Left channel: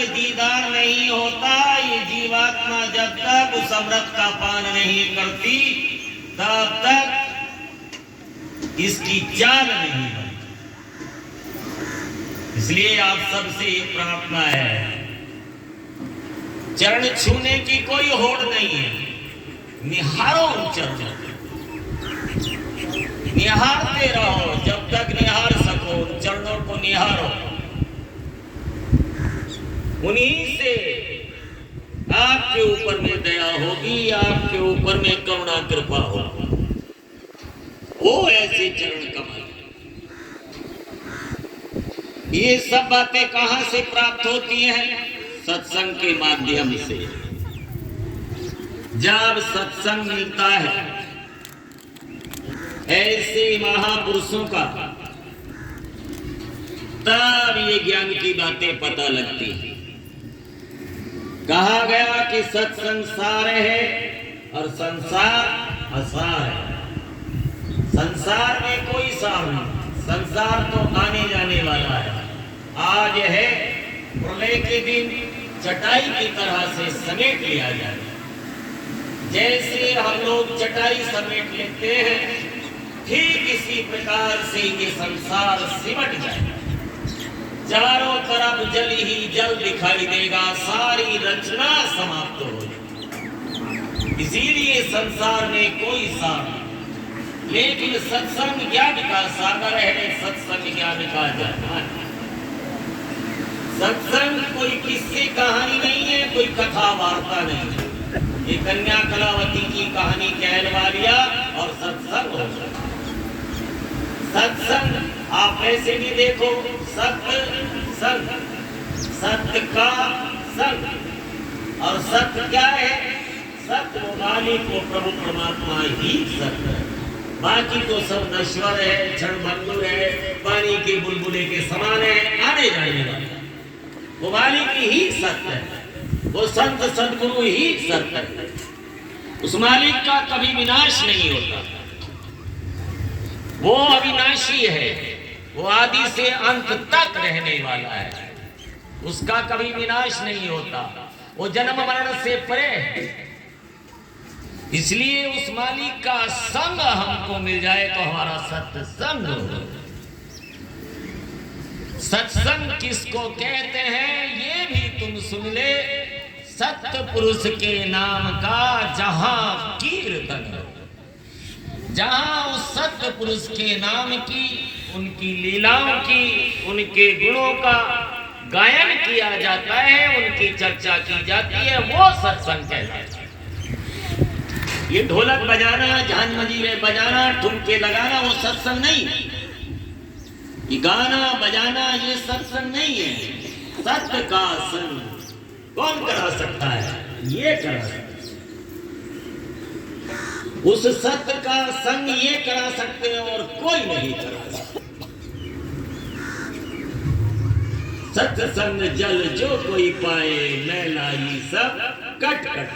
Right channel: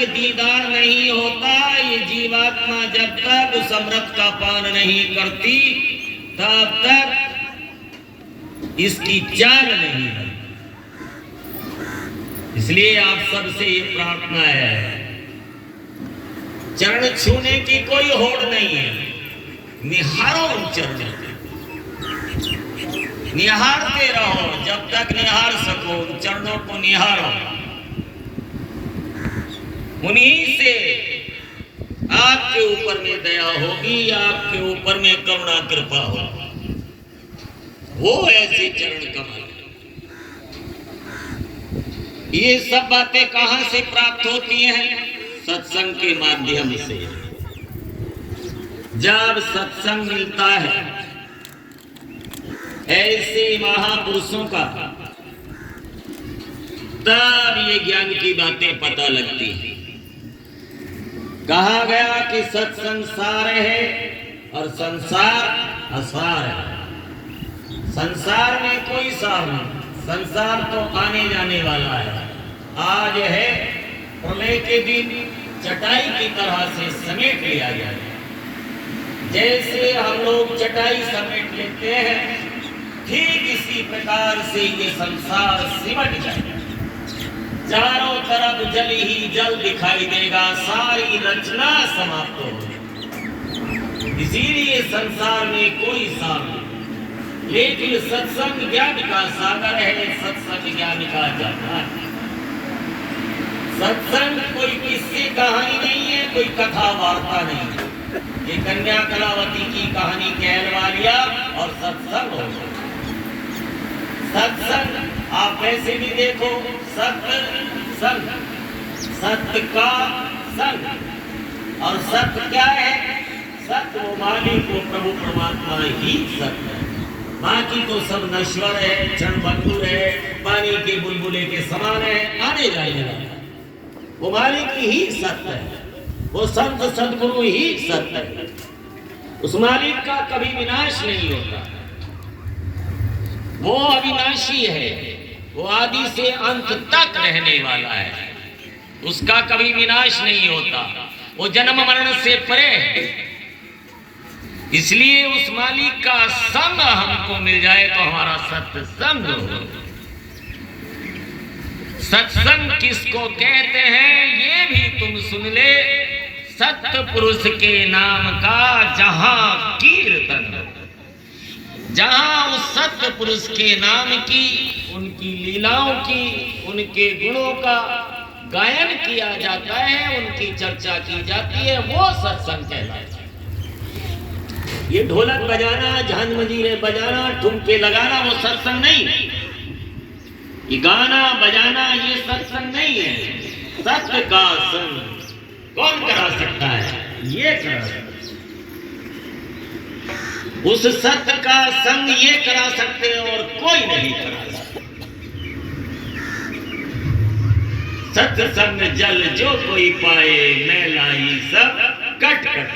तक दीदार नहीं होता, ये जीवात्मा जब तक उस अमृत का पान नहीं करती तब तक इसकी चाल नहीं बनती। इसलिए आप सबसे ये प्रार्थना है, चरण छूने की कोई होड़ नहीं है, निहारो उन चरणों, निहारते रहो जब तक निहार सको, उन चरणों को निहारो। उन्हीं से आपके ऊपर में दया होगी, आपके ऊपर में करुणा कृपा होगी। वो ऐसे चरण कमल। ये सब बातें कहां से प्राप्त होती हैं? सत्संग के माध्यम से। जब सत्संग मिलता है ऐसे महापुरुषों का, तब ये ज्ञान की बातें पता लगती हैं। कहा गया कि सत्संग सार है और संसार असार है। संसार में कोई सार नहीं, संसार तो आने जाने वाला है। आज है, प्रलय के दिन चटाई की तरह से समेट लिया जाए। जैसे हम लोग चटाई समेट लेते हैं, ठीक इसी प्रकार से ये संसार सिमट जाएगा। चारों तरफ जल ही जल दिखाई देगा, सारी रचना समाप्त होगी। इसीलिए संसार में कोई सार नहीं, लेकिन सत्संग ज्ञान का सागर है, सत्संग ज्ञान का जहान। सत्संग कोई किस्से कहानी नहीं है, कोई कथा वार्ता नहीं है। ये कन्या कलावती की कहानी कहलवा लिया और सत्संग हो गया। सत्संग आप ऐसे भी देखो, सत्य संग, सत्य का संग। और सत्य क्या है? सत्य वो मालिक को प्रभु परमात्मा ही सत्य है। बाकी तो सब नश्वर है, क्षण भंगुर है, पानी के बुलबुले के समान है, आने जाने वाला। वो मालिक ही सत्य है, वो संत सदगुरु ही सत्य है। उस मालिक का कभी विनाश नहीं होता, वो अविनाशी है, वो आदि से अंत तक रहने वाला है, उसका कभी विनाश नहीं होता, वो जन्म मरण से परे है। इसलिए उस मालिक का संग हमको मिल जाए तो हमारा सत्संग हो। सत्संग किसको कहते हैं ये भी तुम सुन ले, सत्य पुरुष के नाम का जहां कीर्तन, जहां उस सत्य पुरुष के नाम की, उनकी लीलाओं की, उनके गुणों का गायन किया जाता है, उनकी चर्चा की जाती है, वो सत्संग कहलाता है। ये ढोलक बजाना, झांझ मंजीरे बजाना, ठुमके लगाना वो सत्संग नहीं। ये गाना बजाना ये सत्संग नहीं है। सत्य का संग कौन करा सकता है? ये करा सकता है। उस सत्य का संग ये करा सकते हैं और कोई नहीं करा सकता। सत्य संग जल जो कोई पाए, मैलाई सब कट कट।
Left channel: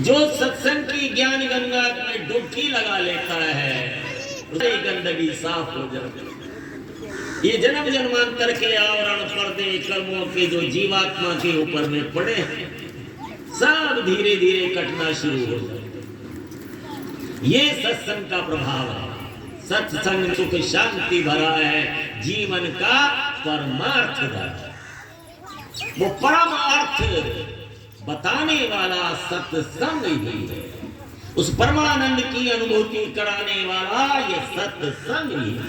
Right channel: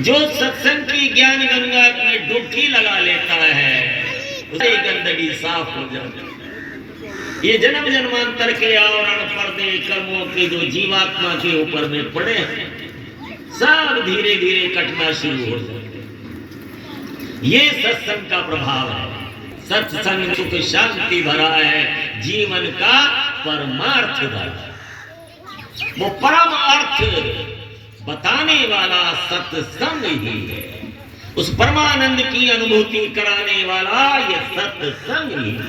जो सत्संग की ज्ञान गंगा में डुबकी लगा लेता है, उसकी गंदगी साफ हो जाती है। ये जन्म जन्मांतर के आवरण पर्दे कर्मों के जो जीवात्मा के ऊपर में पड़े हैं, सब धीरे धीरे कटना शुरू हो जाते। ये सत्संग का प्रभाव है। सत्संग सुख शांति भरा है, जीवन का परमार्थ भरा। वो परम अर्थ बताने वाला सत्संग ही है। उस परमानंद की अनुभूति कराने वाला ये सत्संग ही है।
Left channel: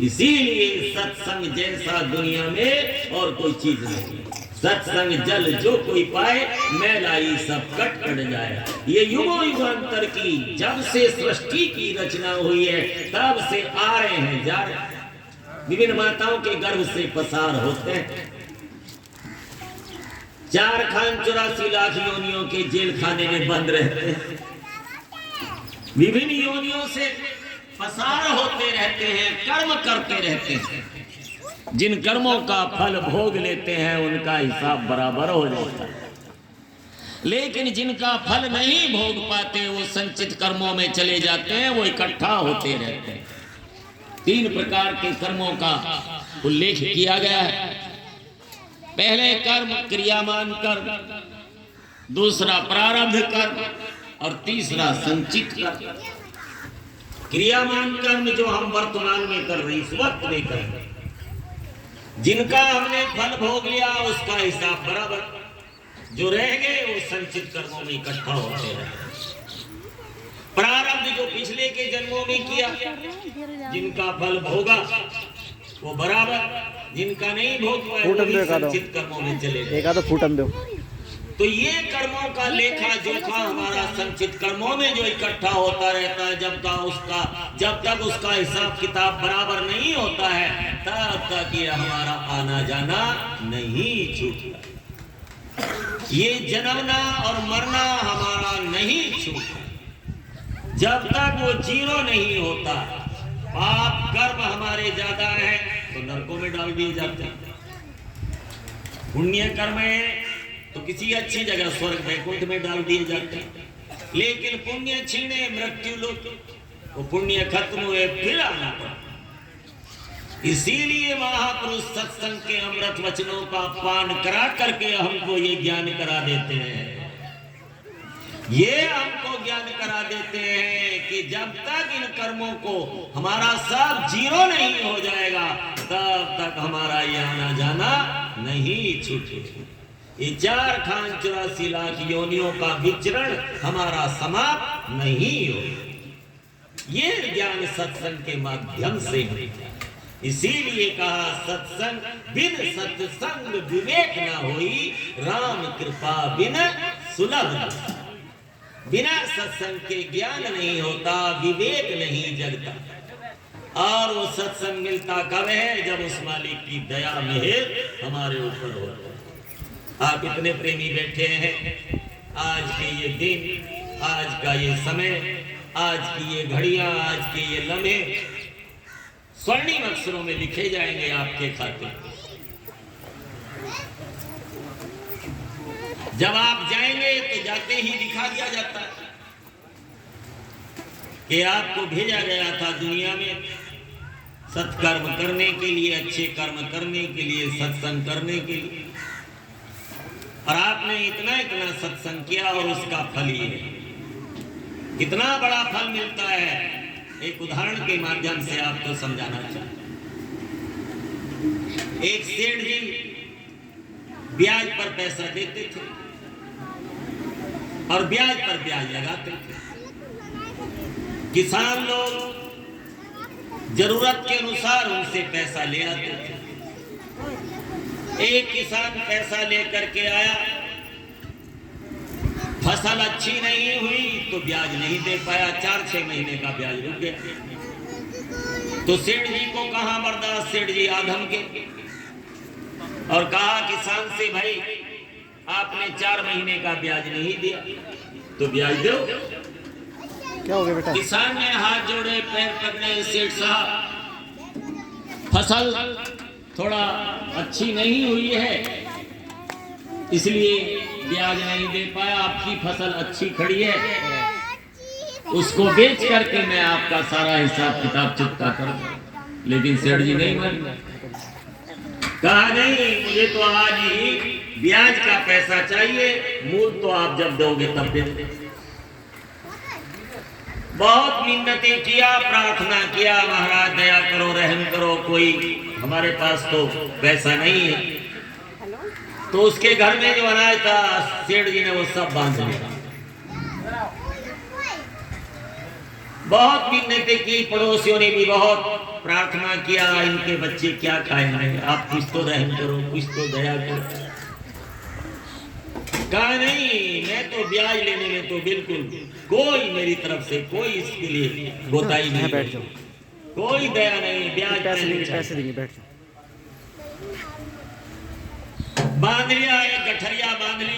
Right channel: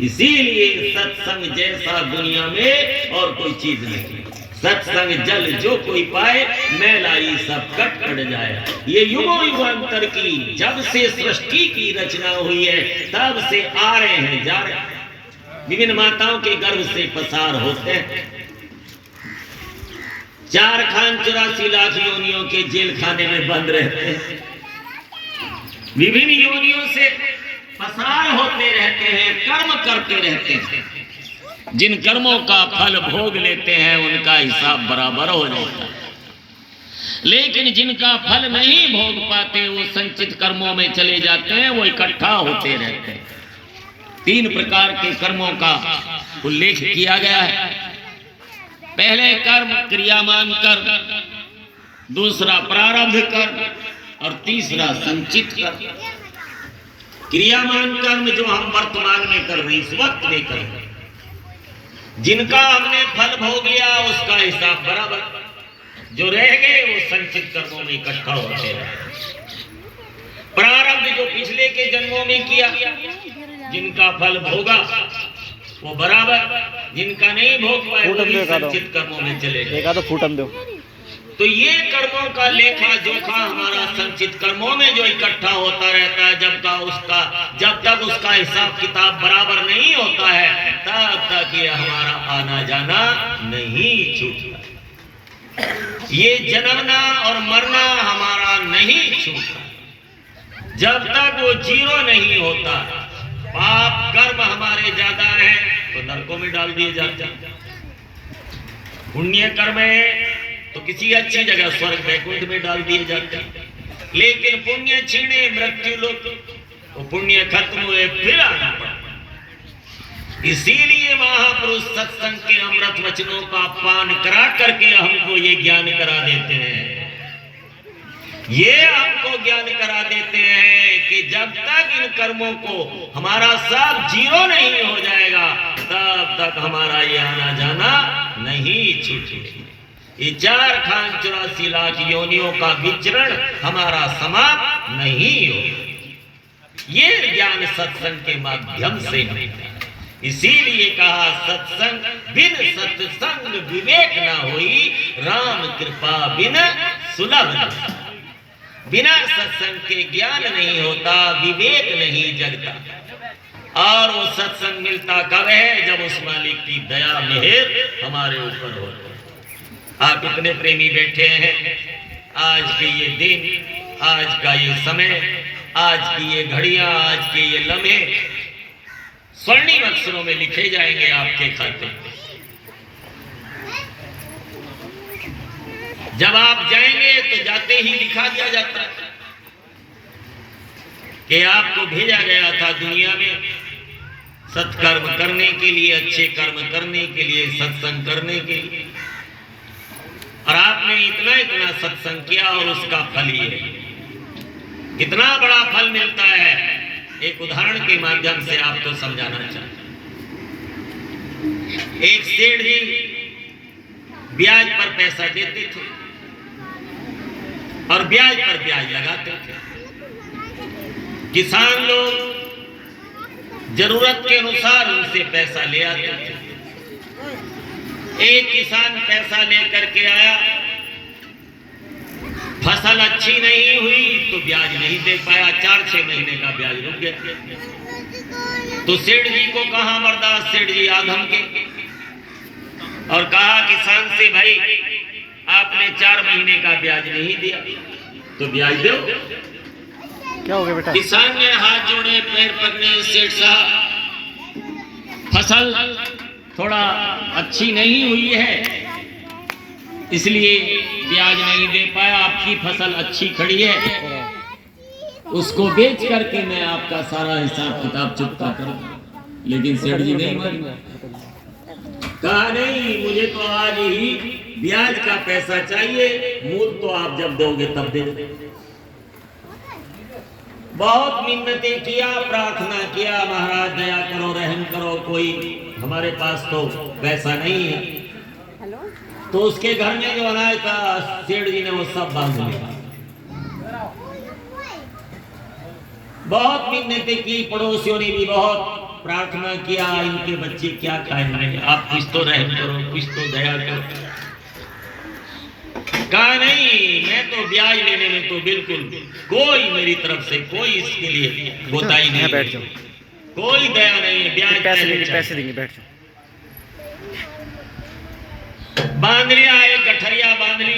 इसीलिए सत्संग जैसा दुनिया में और कोई चीज नहीं। सत्संग जल जो कोई पाए, मैलाई सब कट कट जाए। ये युगों युगांतर की, जब से सृष्टि की रचना हुई है तब से आ रहे हैं, जा रहे हैं। विभिन्न माताओं के गर्भ से पसार होते हैं। 4 खान 84 लाख योनियों के जेल खाने में बंद रहते हैं। विभिन्न योनियों से पसार होते रहते हैं, कर्म करते रहते हैं। जिन कर्मों का फल भोग लेते हैं उनका हिसाब बराबर हो जाता है, लेकिन जिनका फल नहीं भोग पाते वो संचित कर्मों में चले जाते हैं, वो इकट्ठा होते रहते हैं। 3 प्रकार के कर्मों का उल्लेख किया गया है। पहले कर्म क्रियामान कर्म, दूसरा प्रारब्ध कर्म और तीसरा संचित कर्म। क्रियामान कर्म जो हम वर्तमान में कर रहे, इस वक्त में कर रहे, जिनका हमने फल भोग लिया उसका हिसाब बराबर, जो रह गए वो संचित कर्मों में इकट्ठा होते रहे। प्रारब्ध जो पिछले के जन्मों में किया, जिनका फल भोगा वो बराबर, जिनका नहीं भोग पाए वो भी संचित कर्मों में चले गए। तो ये कर्मों का लेखा जोखा हमारा संचित कर्मों में जो इकट्ठा होता रहता है, जब तक उसका हिसाब किताब बराबर नहीं होता है, तब तक ये हमारा आना जाना नहीं छूटता। ये जन्मना और मरना हमारा नहीं छूटता। जब तक वो जीरो नहीं होता, पाप कर्म हमारे ज्यादा है तो नरकों में डाल दिए जाते हैं, पुण्य कर्म है तो किसी अच्छी जगह स्वर्ग वैकुंठ में डाल दिए जाते हैं। लेकिन पुण्य छीने मृत्यु लोक, तो पुण्य खत्म हुए फिर आना पड़ा। इसीलिए महापुरुष सत्संग के अमृत वचनों का पान करा करके हमको ये ज्ञान करा देते हैं। ये हमको ज्ञान करा देते हैं कि जब तक इन कर्मों को हमारा सब जीरो नहीं हो जाएगा, तब तक हमारा ये आना जाना नहीं छूटेगा। ये 4 खान 84 लाख योनियों का विचरण हमारा समाप्त नहीं हो। ये ज्ञान सत्संग के माध्यम से मिलता है। इसीलिए कहा सत्संग बिन सत्संग विवेक ना होई, राम कृपा बिन सुलभ न। बिना सत्संग के ज्ञान नहीं होता, विवेक नहीं जगता। और वो सत्संग मिलता कब है? जब उस मालिक की दया मेहर हमारे ऊपर हो। आप इतने प्रेमी बैठे हैं, आज के ये दिन, आज का ये समय, आज की ये घड़ियां, आज के ये लम्हे स्वर्णिम अक्षरों में लिखे जाएंगे आपके खाते। जब आप जाएंगे तो जाते ही लिखा दिया जाता है कि आपको भेजा गया था दुनिया में सत्कर्म करने के लिए, अच्छे कर्म करने के लिए, सत्संग करने के लिए, और आपने इतना इतना सत्संग किया और उसका फल ये कितना बड़ा फल मिलता है। एक उदाहरण के माध्यम से आपको समझाना चाहता हूं। एक सेठ जी ब्याज पर पैसा देते थे और ब्याज पर ब्याज लगाते थे। किसान लोग जरूरत के अनुसार उनसे पैसा ले आते थे। एक किसान पैसा लेकर के आया, फसल अच्छी नहीं हुई तो ब्याज नहीं दे पाया, 4-6 महीने का ब्याज रुक गया। तो सेठ जी को कहा मर्दास सेठ जी आधम के, और कहा किसान से, भाई आपने 4 महीने का ब्याज नहीं दिया तो ब्याज दो। क्या हो गया बेटा? किसान ने हाथ जोड़े, पैर पकड़े, सेठ साहब फसल थोड़ा अच्छी नहीं हुई है इसलिए ब्याज नहीं दे पाया, आपकी फसल अच्छी खड़ी है, उसको बेच करके मैं आपका सारा हिसाब किताब चुकता करूं। लेकिन सेठ जी नहीं माने, कहा नहीं, मुझे तो आज ही ब्याज का पैसा चाहिए, मूल तो आप जब दोगे तब दे दो। बहुत मिन्नतें किया, प्रार्थना किया, महाराज दया करो, रहम करो, कोई हमारे पास तो पैसा नहीं है। तो उसके घर में जो अनाज था सेठ जी ने वो सब बांध लिया। बहुत मिन्नतें की, पड़ोसियों ने भी बहुत प्रार्थना किया, इनके बच्चे क्या खाएंगे, आप कुछ तो रहम करो, कुछ तो दया करो। कहा नहीं, मैं तो ब्याज लेने में तो बिल्कुल कोई मेरी तरफ से कोई इसके लिए गोताई नहीं, बैठ जाओ, कोई दया नहीं है, ब्याज पैसे देंगे, बैठ जाओ। बांध लिया, एक गठरिया बांध ली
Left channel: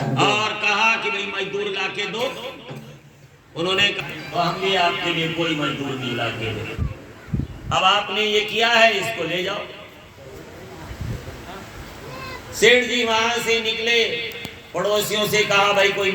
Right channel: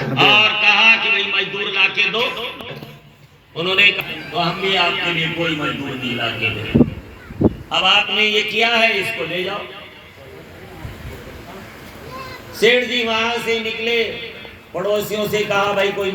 और कहा कि भाई मजदूर लाके दो। उन्होंने कहा हम भी आपके लिए कोई मजदूर नहीं लाके दे, अब आपने ये किया है इसको ले जाओ। सेठ जी वहां से निकले, पड़ोसियों से कहा भाई कोई